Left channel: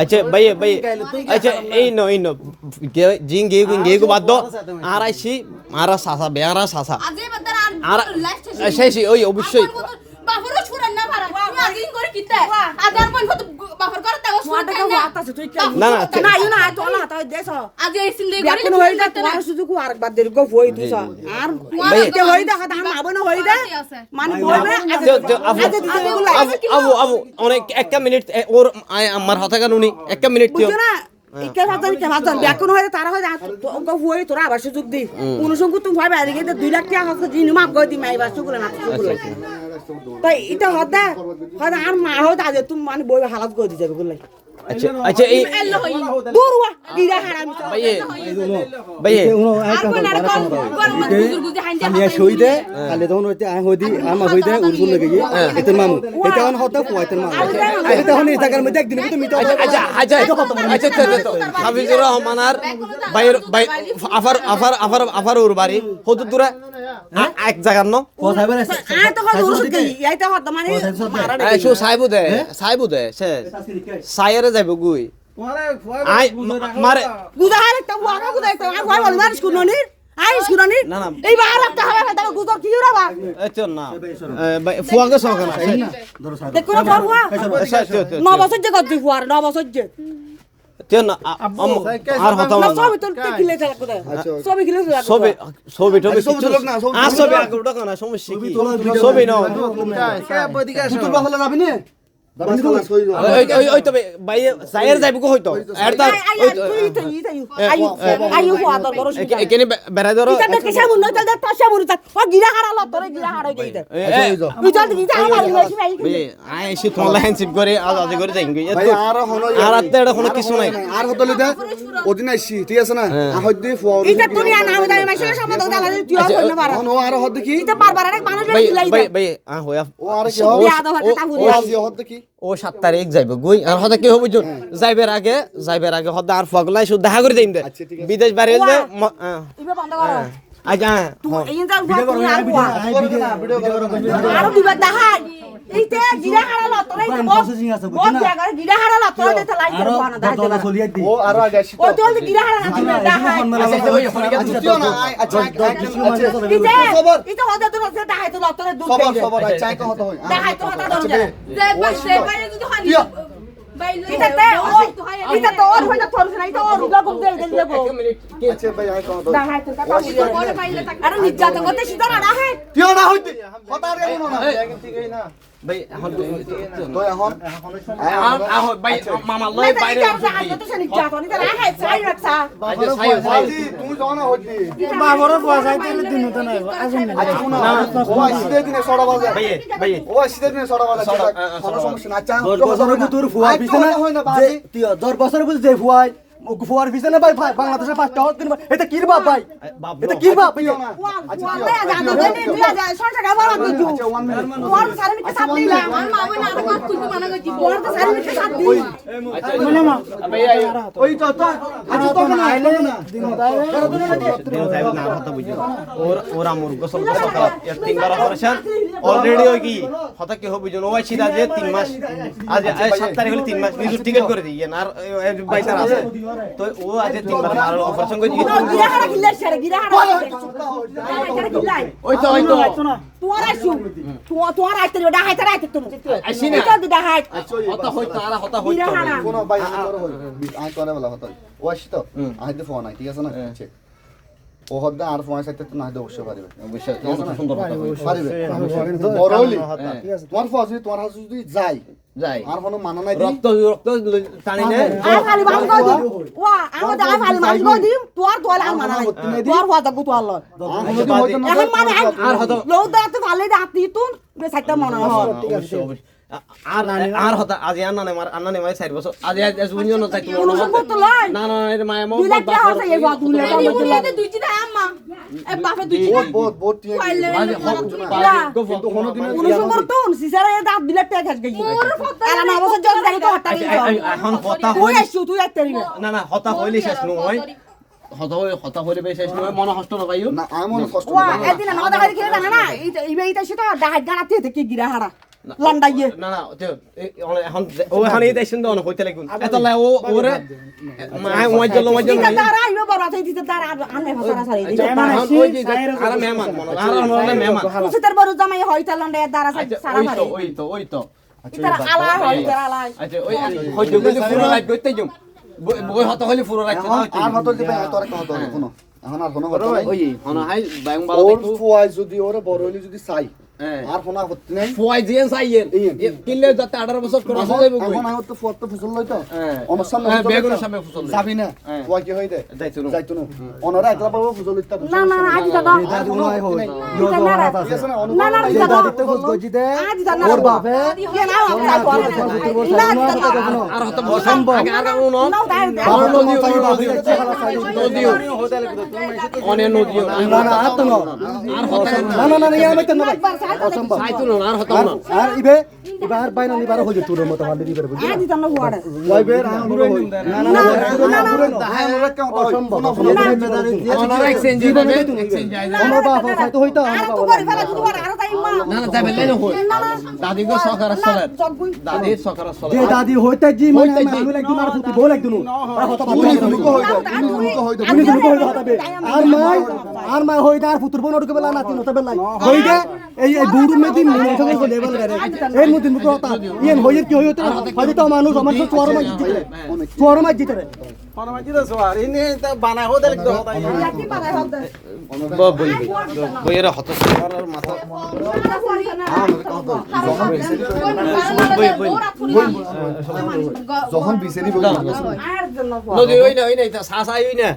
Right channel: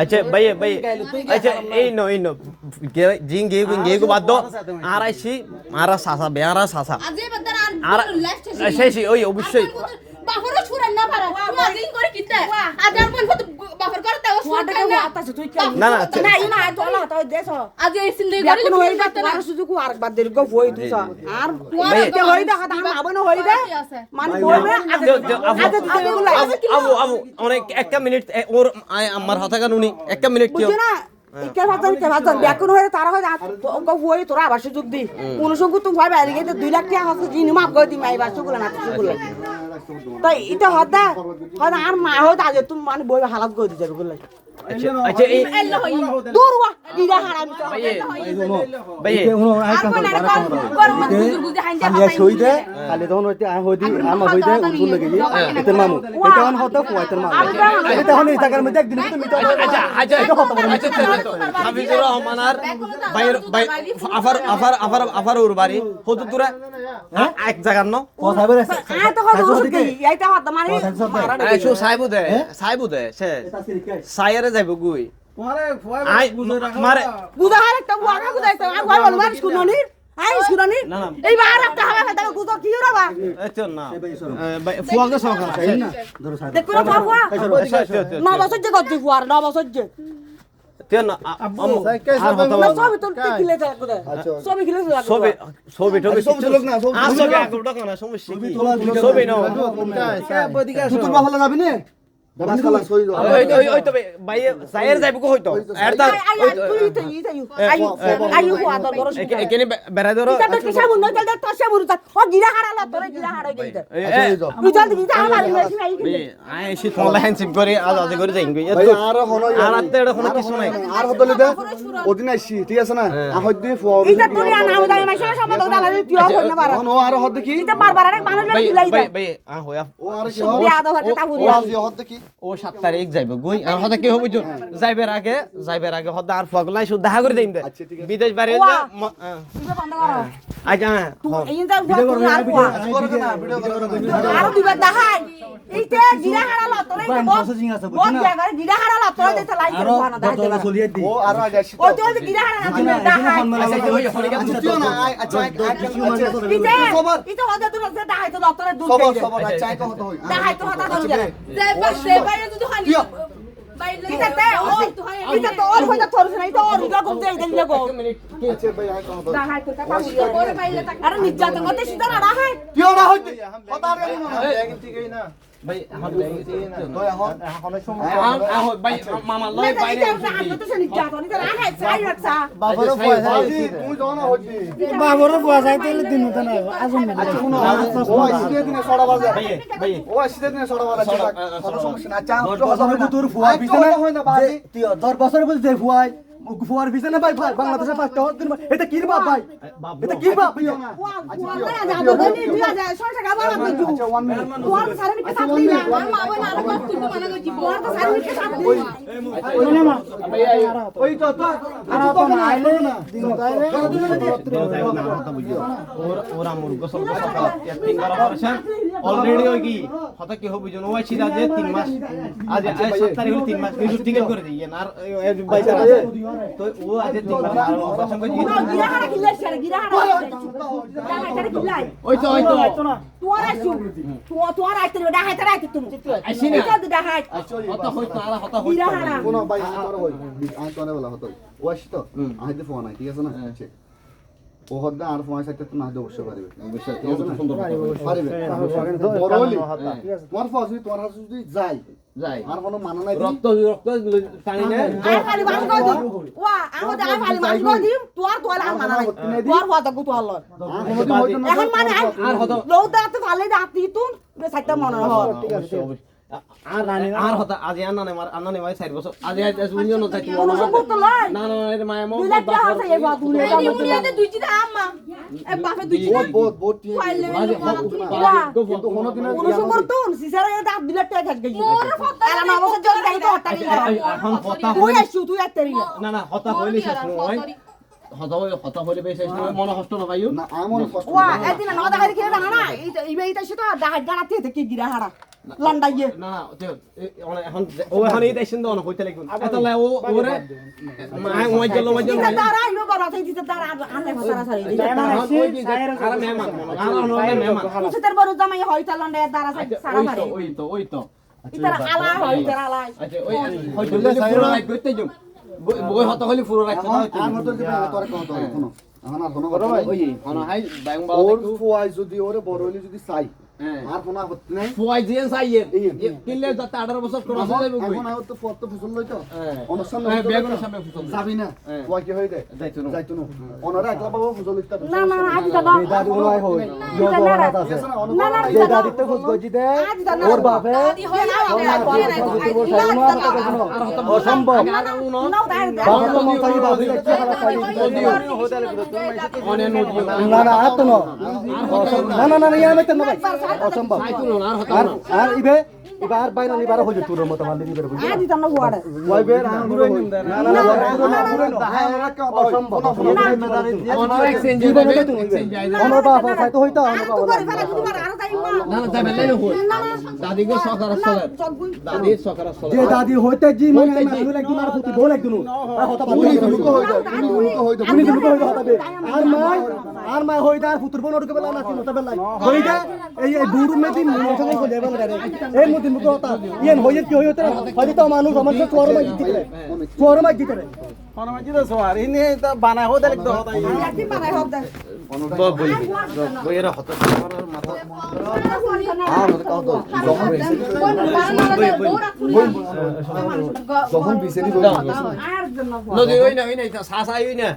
अच्छा भाई अच्छा ए नो जिंग गे को बात दो आराइसी मारा सासा बेआरा सासा আর শেষই ওই অবশ্যই বাফরও ছুরেন না পারা তুমি আগে করে কিতা আদার কোন কত বাফর করে তাও ছুরেন না না না না ইউ না তো না তো দেশ আজ এই সিন্দে করে কোন হই দা তোমার শুধু কো আর বাদ দেরি গো হই দিছ আর তে হই দা কথা আর আবন হই দা মানে বলবে আবু অনেক একটা মিনিট ওর আমার হাতে গান উনি একটা মিনিট দিও বুঝছো না কে ভাজন ব্যাকুন হয়ে তারা হয় গো হই তোরা আবার সুযোগ দি অনুসংখ্য তুমি ভাই বাইরে গিয়ে 2 লাখ টাকা হচ্ছে জিনি মাপ গই দি মাইবার সুগুলা না সুগুলা তাই এটা হদা হদা আর মা হদা যে তুমি মানে বই হালাত গই দি যাবে গুলাই अच्छा এই দূর ওয়া দিরা হারাম ভাই উনো আই কথা আমি শহীদে কালে তখন হইতে আই হইদি আমা হইদে উসুল লাগে এতে মামু এটা অন হতো কুয়াইতের মামু এটা হন এই জায়গার মধ্যে একদিন তুমি তো আচ্ছা হাফিজুর রহমানার ভাই আফার ওর বাড়ি হতো দূরে এক জায়গার ন কথা বলে আই তো হলো কি এইটা হতো মানে এই শো সাইবু দে সে সাইরে যাইব গুই মারে গুদা আরেকটা ওয়াগা গুদা একটা আর কই বল না শুনুনি আই শুনুনি এইবার আরেকটা হবে দাও গুদা কি রাবা এত না ভাই ফুয়াগে সহকার না দেখো না ফুয়া না বছর যে কত ফুয়ার না বছর যে তেন আর হতো সবই তো কিলে যা গুদা সবই কিলে যা সবই তো কিছু লোক না সবই আগে উঠা না সমস্যা কি সবই না বদিকে সুতুল বাহলে যাবি নে ওই তো ভাই সাইর যাইব কো হইতো এরদা আইও ফুয়া তোর বড় এখানে বেড়া ধরো এটা কিসা মুন নয় তাহলে তাসা মুন তা ও গিরা হারালা তোরে গিরা হারাই গইতা বুঝা গিরা হারাই গইছি নাই আই সে তোলা হ্যান্ডশিপ করে আজ করে যাইন গই এত আর আত্তে এটা কোনো কিছু নাই আর হতলে দে ওদিন আইছি ঠিক আছে না হইদি ফুয়া এটা তোর না নাম দাই মাইছে সব তো দালা তুই হইনা পারা ও আর হদ কি এটা বারবার আরেক মানুষ লাই ভাই হইয়া ও আর কি বিয়া তো হতে তা বুঝি হদ কি ও 7 তারিখ যাইব গই আর হদা কি হবো যাইবার আগে হদা আর ফগলাই শুধু দেখা করে দেইম দে বিদেশ বাইরে যে এটা বন্ধ করো আচ্ছা এই যা আর দিবা দেখাই এইতে গিরা হারালা তোরে বহুত জায়গা গিরা হারালা তোরে দিতে লাই করে বানা দাই ও আর আগে আসি ও তো গিরা হারালা দেখাই আচ্ছা ওই ফোনে আচ্ছা না আচ্ছা খবর এটা হদা তো দেখাই তো তোরে দুধ খবর চাই তো হতো হই দেখাই তো হদা দরজা যে বাইরে যদি হানি বাইরে এটা তো ওর হইতা তোর নাই তো ওর রুগা কম যাই দেন গো আচ্ছা ভাই আই কথা দেখাই তো কথা বুঝি করে বাইরে থাক আরে নির্যাতন করতে সিধা না রাখে কিও না হইতে হতা আর কেন না ঠিকই না ভাই এখন তো এখন ভাই মামা লই বাইরে নির্যাতন এটা রাখে চাই রাখছা বাজি তুমি যাও না হইতে বাবর বুয়া যাইতে দিন তো নাই আসুন না ও আসিতে দিনে 6টা বাজে ভাই ও আসিতে দিনে 6টা বাজে কোনো সমস্যা না আচ্ছা 10 বছরের ভিতর ফুয়া পিছনে হয় না বাজি 10 বছরের ভিতর যে ফুয়াই ফুয়ার পিছনে ভাই বাংলাদেশে 5টা হত দিন এটা কি বাপ ভাই এটা কি বাপ ভাই আচ্ছা 1 মিনিট মা বোন আর মাপ তুলতে মানা করছি ওই তো তো আচ্ছা তো না আইলো না দিন যাইব না কথা বুঝো ওরা মুরগ গোসল খারাপ এর 3 বার অপারেশন অলরেডি হই কি হতা কি হবে বুঝো ওই সিধা যে 3 মাস আজ 7 তারিখ হলে 3 মাস নিজে টিকেট করে দিই আর বাইতার আছে তো ও আজ 3 বার আর অপারেশন করে দিই গিরা হারা কিল্লা ছাড়ে গিরা হারা ওই তো তোর আসু তোর আইতে ওটা হাইতে রাইতে তুমি আসি না এটা দিদা হাইত হতা হইতো আর হতা হইতো গিরা হারা কোন ভাই তোর হই আই তো না বলা হতো ও আসি তো আই দে ফোন আই ঠিক আছে না আচ্ছা ও হদ্দা আর ফোন সাইতে তো না দে অবশ্য পারিবে অবশ্যই সুন্দর কথা পারিবে বড় হলি তোমার ফসি তোমার হাসু যদি যাই আর কোনো মানা নাই রক্ত টানি না আই খালি বাস কই দি ওয়া আমাদের আই খালি বাস কই দি তোর আর মানা নাই তোর হদা গু তোর লয় এখন মানে আর হতো লোদা তো ভালো দাতি তুন বে সাইতে মনে হয় অবশ্যই আর হতা আজ আন্না নে মাই 4 বছর আজ জুনিয়র না চাইতো না না এর মায়া মো দুনিয়াতে দুইটি দা আম্মা এ বাপে দুইটি বহুত পাইলে উনুসুকর তুন সিসারে দাঁত দিলে টাকা খাস গই আর আমার বছর জল জানি তো হটাই এখন কথা তুই হইলি এসু তুই একটারি না হতা হইলি শেষ নয় হতা হলে বেশ মনে কষ্ট না পাইও না আমার কষ্ট ওয়া এদিন না দেখা দেখি না না এইটা সেটা ডাহাত গানাতে থেকে গিরা হারা লন্ডাইয়ে না না এখন ও এখন এই দেশন তো অনেক হইতে লাগুন এতলা ও ওরে মাইজল তারা আইবে বড় আছে দিতে তারা আনবে ভাষা সারি আর মেহমান আর মেহমান সুতের বড় জামাই হইতা লন্ডাইয়ে দ্বারা সারা সারি ওই তো তারা আলা হইতা আলা আচ্ছা ওই হয়তো বলে পুরো রাত করতে যাম বই হতা হলি পুরো রাত না হইতো আর হতো দিবে তোর কথা হতো শুনো এখন আর কোনো কথা ওই হনা হাই ব্যাং বালা ওর দেখো ফুয়াই যদি ওরে বড় হইলি যদি চাই আর ফোনা করতে নাই ফুয়াই জিয়েন সাইয়েন কিলে যাতে 18 বছর করে আসে যাবে কই এখন আর তো ফুয়ার তো ফুসল লইতো আমার সামনে বেগুনের সামনে ফুসল যাবি না ফুয়া কি হইতে যাইতো না যাইতো না ওনারা একলা বাবা ফুসল লইতা না না আজ দাদা দাদু নাই হই না না দাদা দিতে ফুস গজি দে আজ দাদা ওর বাপে ইয়ে না আমরা বলে না দাদা আর হতা বসাম আগে আর উনো নাও দাঁড় নদীও অনে নদীও না না আর তো না আর হতা না না না ইয়া বাইতে না ভাই অসম্ভব সাইতো না আর হতা না আর ইবে এবার বাইনা নিবার হই তোর মত ভালো দিবে আজ দাদা হুয়াড়ে ওই বে না না না অসম্ভব ওনার এক্সচেঞ্জ হবে এক্সচেঞ্জ আই আমার বাপ হয়তো হইতো আমার তো বাবা করি ফেলা যদি আর তাই মা না না যাবে লাইন হই দাদি গো সকার চলে দাদি সকার চলে যে দাদি হইতে জি মানে আমি একদিন আর ফুটি বল একদিন আর হতা বাবা আর মা হইতা আর ফুতুর বোন বেলা নাতি নতা বেলা হইতা এই বুড়ু মেদি মনে থেকে গলে বেলা রে এই মদিন মুকো হতা ইয়েন হইর কি হইতো হইতো মানুষ আমার চোর মাই জিতে রে বানায় হতে লাগতো একটি পারে হদা বইয়ের হতা মাথা যখন বিছেনি আর জন্য নদী ওই না সাসাই ওই না